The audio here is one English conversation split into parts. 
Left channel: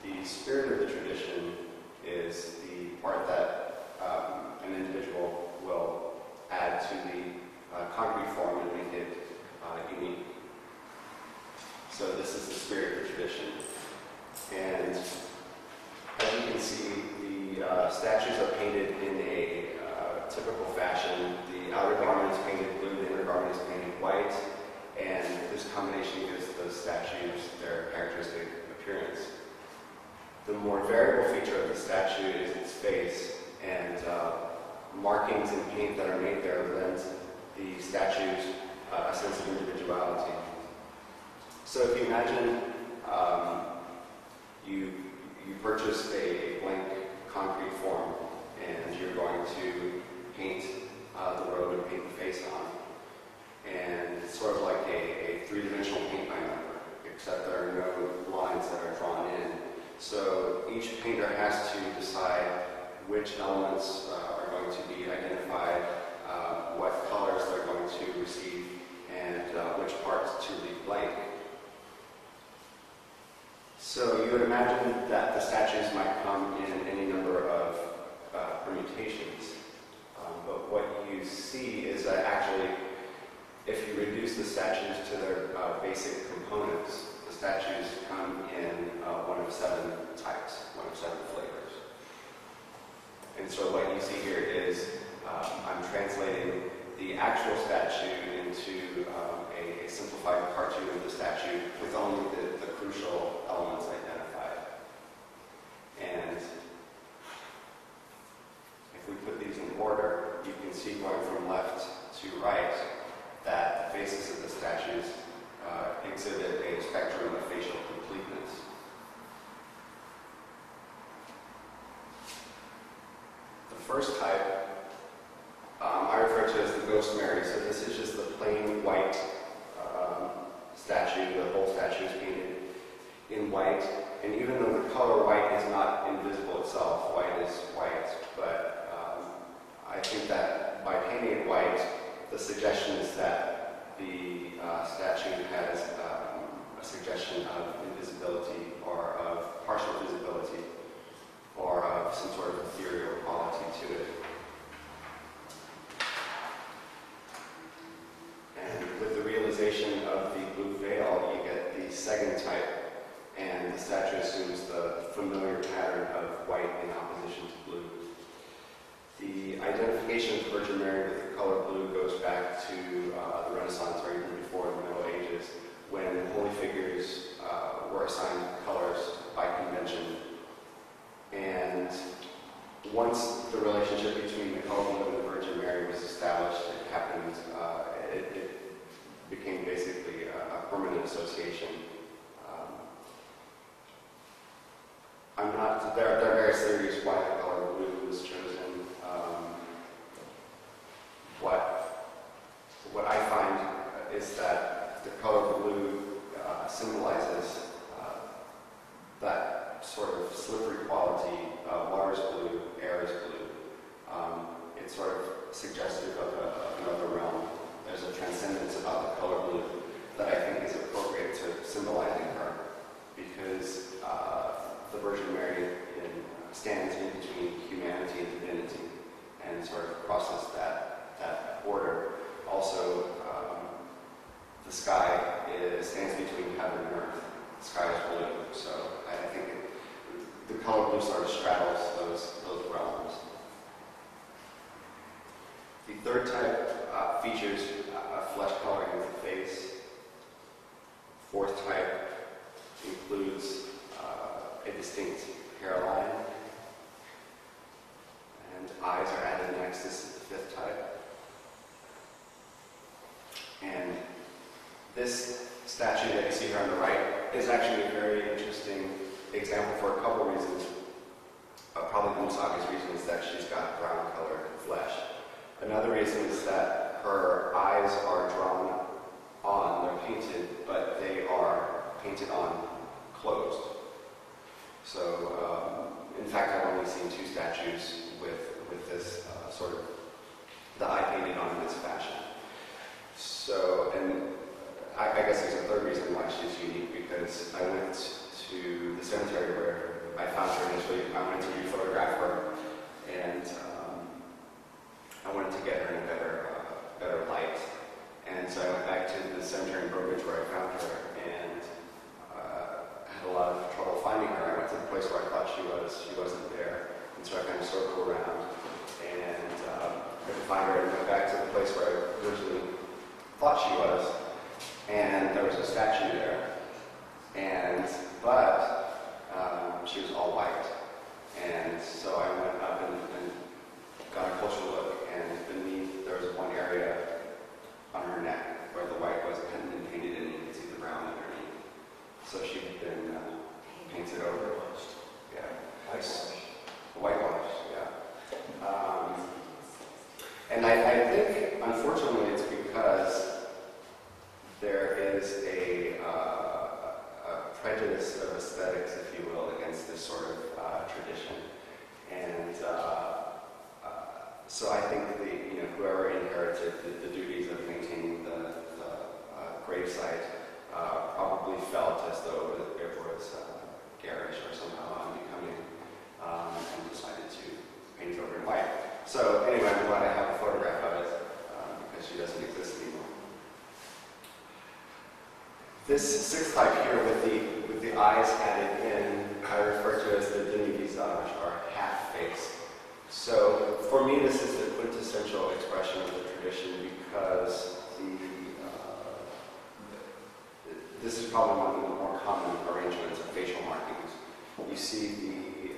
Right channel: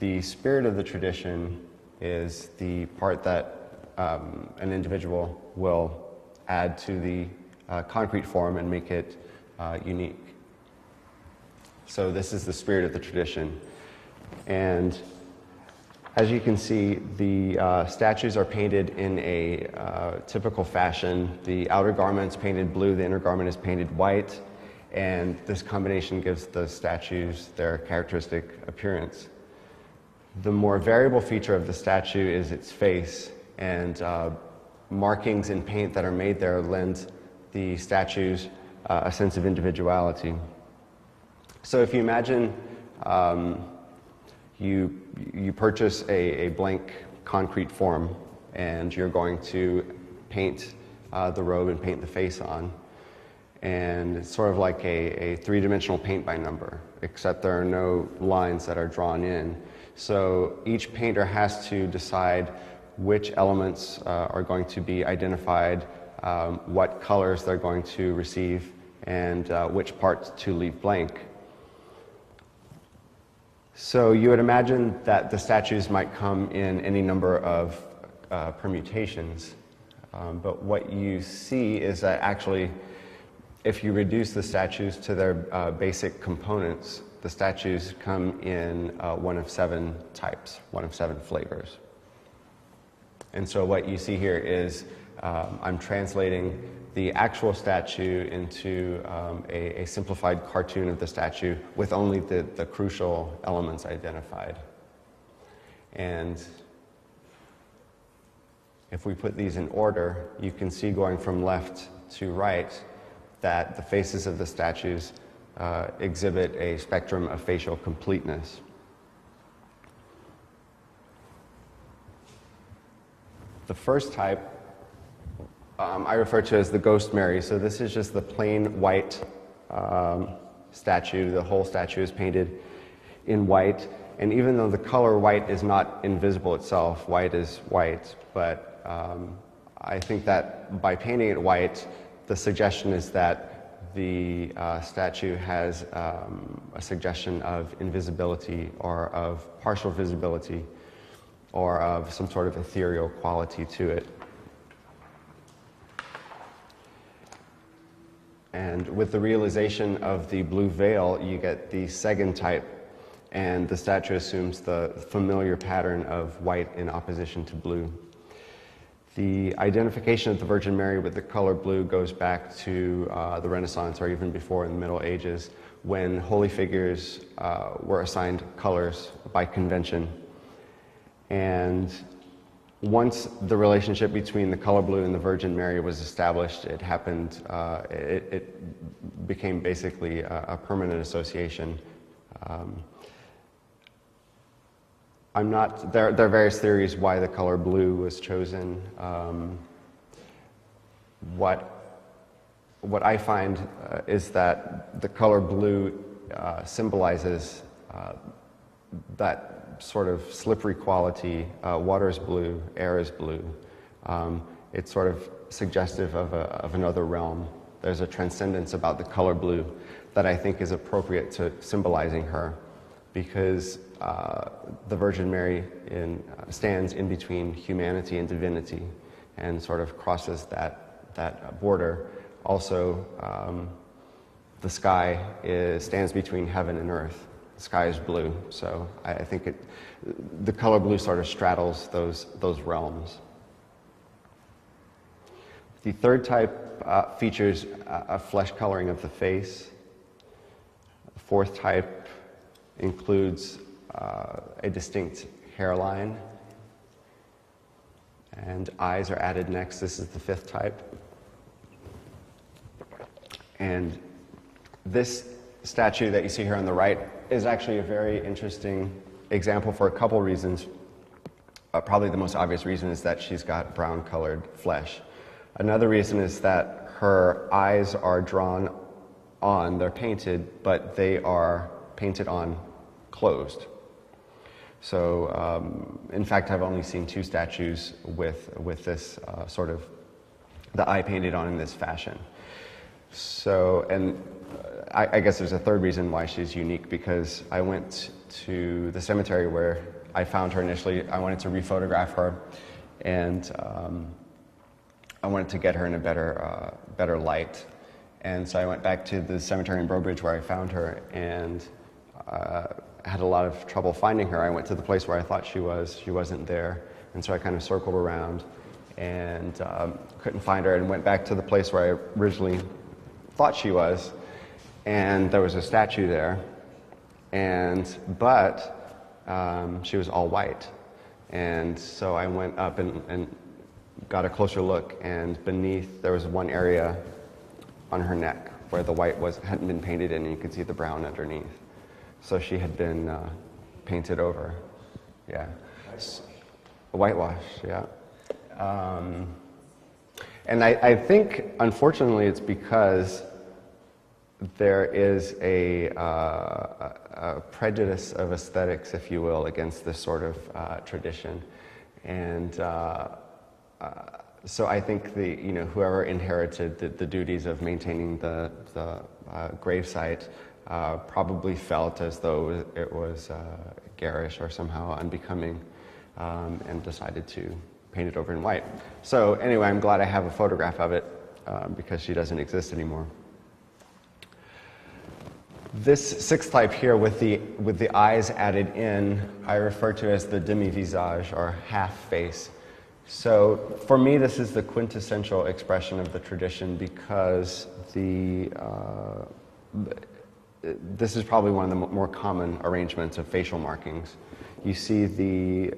the spirit of the tradition is the part that an individual will add to the concrete form and make it unique. So this is the spirit of the tradition. And as you can see, the statues are painted in a typical fashion. The outer garment is painted blue, the inner garment is painted white, and this combination gives the statues their characteristic appearance. The more variable feature of the statue is its face, and markings in paint that are made there lend the statues a sense of individuality. So if you imagine you purchase a blank concrete form and you're going to paint the robe and paint the face on, and it's sort of like a three-dimensional paint by number, except there are no lines that are drawn in. So each painter has to decide which elements are going to be identified, what colors they're going to receive, and which parts to leave blank. So you would imagine that the statues might come in any number of permutations, but what you see is that actually, if you reduce the statues to their basic components, the statues come in one of 7 types, one of 7 flavors. And so what you see here is I'm translating the actual statue into a simplified cartoon of the statue with only the crucial elements identified. And if we put these in order, you can see going from left to right that the faces of the statues exhibit a spectrum of facial completeness. The first type I refer to as the Ghost Mary. So this is just the plain white statue. The whole statue is painted in white. And even though the color white is not invisible itself, white is white, but I think that by painting it white, the suggestion is that the statue has a suggestion of invisibility or of partial visibility or of some sort of ethereal quality to it. And with the realization of the blue veil, you get the second type, and the statue assumes the familiar pattern of white in opposition to blue. The identification of the Virgin Mary with the color blue goes back to the Renaissance, or even before in the Middle Ages, when holy figures were assigned colors by convention. And once the relationship between the color blue and the Virgin Mary was established, it happened, it became basically a permanent association. There are various theories why the color blue was chosen. What I find is that the color blue symbolizes that sort of slippery quality. Water is blue, air is blue. It's sort of suggestive of another realm. There's a transcendence about the color blue that I think is appropriate to symbolizing her, because the Virgin Mary stands in between humanity and divinity and sort of crosses that border. Also, the sky stands between heaven and earth. The sky is blue, so I think the color blue sort of straddles those realms. The third type features a flesh coloring of the face. The fourth type includes a distinct hairline, and eyes are added next. This is the fifth type. And this statue that you see here on the right is actually a very interesting example for a couple reasons. Probably the most obvious reason is that she's got brown colored flesh. Another reason is that her eyes are drawn on, they're painted, but they are painted on closed. So, in fact, I've only seen 2 statues with this sort of the eye painted on in this fashion. So, and I guess there's a third reason why she's unique, because I went to the cemetery where I found her initially. I wanted to re-photograph her, and I wanted to get her in a better light. And so I went back to the cemetery in Burbridge where I found her, and had a lot of trouble finding her. I went to the place where I thought she was. She wasn't there. And so I kind of circled around and couldn't find her, and went back to the place where I originally thought she was. And there was a statue there, but she was all white. And so I went up and got a closer look, and beneath there was one area on her neck where the white hadn't been painted in, and you could see the brown underneath. So she had been painted over. Yeah. Whitewashed, yeah. And I think, unfortunately, it's because there is a prejudice of aesthetics, if you will, against this sort of tradition. And so I think whoever inherited the duties of maintaining the gravesite probably felt as though it was garish or somehow unbecoming, and decided to paint it over in white. So anyway, I'm glad I have a photograph of it, because she doesn't exist anymore. This sixth type here with the eyes added in, I refer to as the demi-visage, or half face. So for me, this is the quintessential expression of the tradition, because this is probably one of the more common arrangements of facial markings. You see the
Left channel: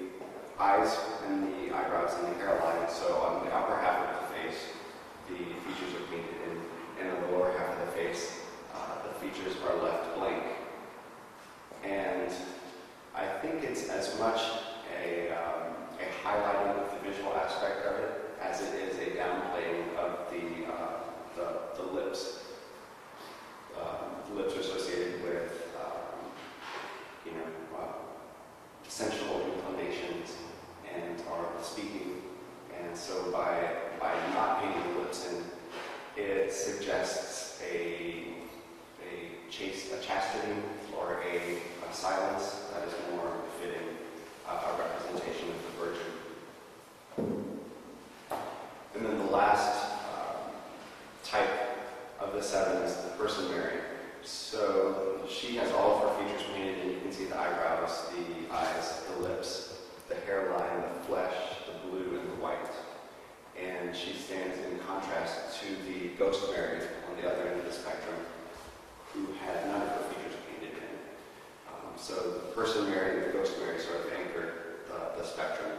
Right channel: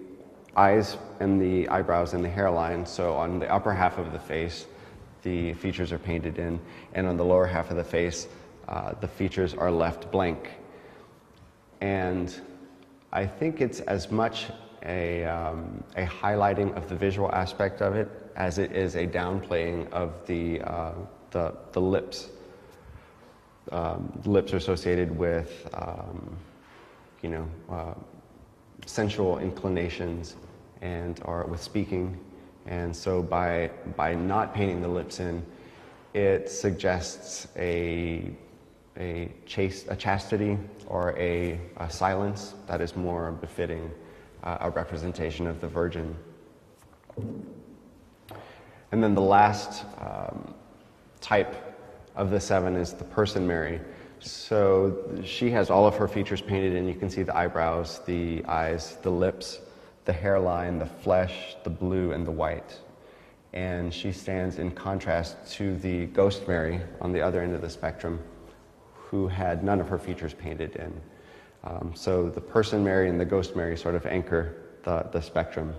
eyes and the eyebrows and the hairline. So on the upper half of the face, the features are painted in, and on the lower half of the face, the features are left blank. And I think it's as much a highlighting of the visual aspect of it as it is a downplaying of the lips. Lips are associated with sensual inclinations and are with speaking, and so by not painting the lips in, it suggests a chastity or a silence that is more befitting a representation of the Virgin. And then the last type of the seven is the Person Mary. So she has all of her features painted in. You can see the eyebrows, the eyes, the lips, the hairline, the flesh, the blue, and the white. And she stands in contrast to the Ghost Mary on the other end of the spectrum, who had none of her features painted in. So the Person Mary and the Ghost Mary sort of anchor the spectrum.